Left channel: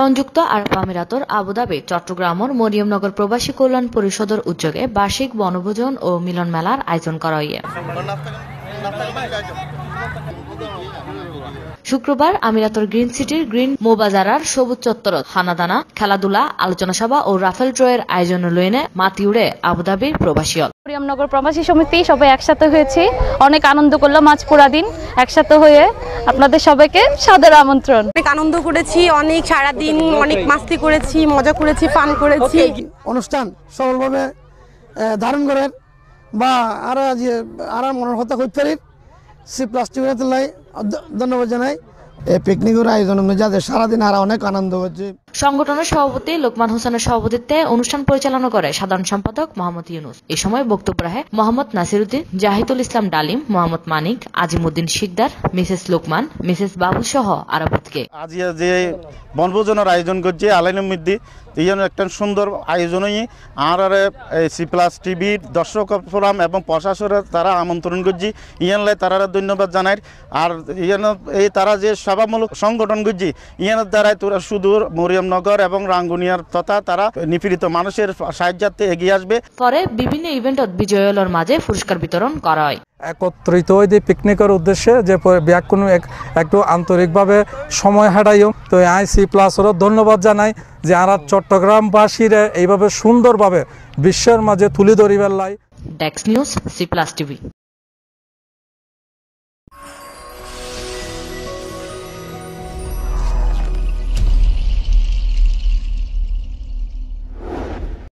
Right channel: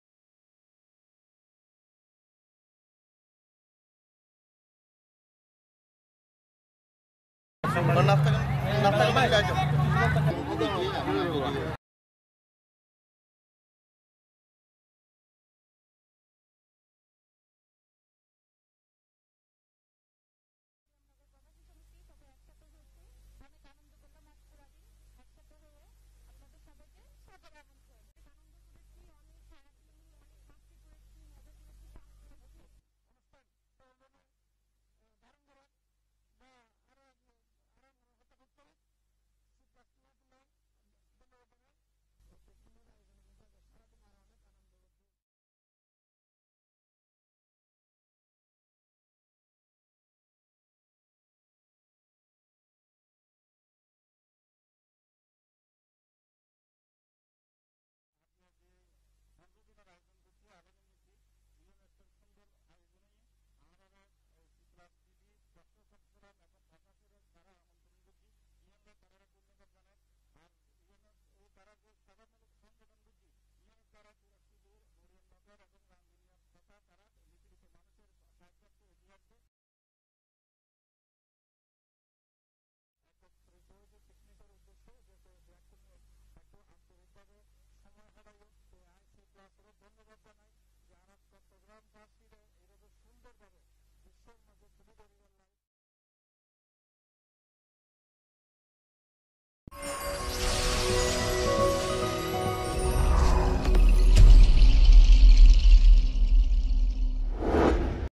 সংযুক্ত আরব আমিরাতর আবুধাবি, চট্টগ্রামর মরিয়মনগর প্রবাসী কল্যাণ পরিষদের উদ্যোগে বার্ষিক বনভোজন ও মিলন মেলার আয়োজন করা হয়। শুক্রবার আমিরাতর গ্রিন সিটির গ্রিন মোবাজারার সবুজ চত্বর হানাদানা, খেলাধুলা, আলোচনা সভা ও রাফেল ড্রয়ের আয়োজন লইনে মাতিউড়ে আবুধাবির প্রবাসীল মরিয়মনগর প্রবাসী সমিতি সবাই একসাথে হয়েছি। অনেক আনন্দ করলাম আজ পুরা দিন। একসাথে হয়ে আপনাদের সবাইকে সাদর আমন্ত্রণ। অনেক আনন্দ করেছি অনেক সারাদিন অনেক মাস্তি করেছি মজা করেছি পান করেছি। অনুষ্ঠান সফলভাবে ধারণ করেন বা আর যে আর মনের কথা করতে পারি? সি প্লাস্টিক লাই ধন্যবাদ জানাই। এই পিকনিকের আয়োজন যাদের সারাদিন আর অনেক আনন্দ হচ্ছে সংগঠনের সভাপতি লোকমান হোসেনের সভাপতিত্বে অনুষ্ঠান পরিচালনা করে সাধারণ সম্পাদক মোহাম্মদ ইউনুস। এ সময় বক্তব্য রাখে মোহাম্মদ নাসিরুদ্দিন, জাহিদুল ইসলাম ডালিম, মোহাম্মদ মানিক, আজিমুদ্দিন শিকদার, মিসেস লোকমান, মিসেস বাবুল সহ আরাবতকে। আজ যে বনভোজনের আয়োজন করছে আলাইন মধ্যে এই জন্য একটা সুন্দর আয়োজনই আর আর সি প্লাস টিভির দর্শক ফোরাম এবং প্রশাসনের তারা আমন্ত্রণ করছি। ইয়ানলাই তারা ধন্যবাদ জানাই। আর ইয়ান এই তারা যে সভামূলক সংগঠন করছি, ইয়ানের দ্বারাই তোরা সুদূর মরিয়মনগর এবং রাঙ্গুনিয়ার তথা তারা নিপীড়িত মানুষের সাহায্যার্থে এগিয়ে আসবে। পরে বিভিন্ন ইভেন্টত বিজয়ীর মাঝে পুরস্কার বিতরণ করা হয়। একত্রিত হয়ে যে পিকনিকের উদ্দেশ্যে যে ব্যাকুণ একটু আন্তরিকভাবে সময় হারাইও। তো আই সি প্লাসেরও ধন্যবাদ জানাই যে আর চট্টগ্রামবাসীরা এইভাবে সুন্দরভাবে বিশ্বের মাঝে তুলে ধরিবার লাই। ডেক্স নিউজ সি প্লাস টিভি।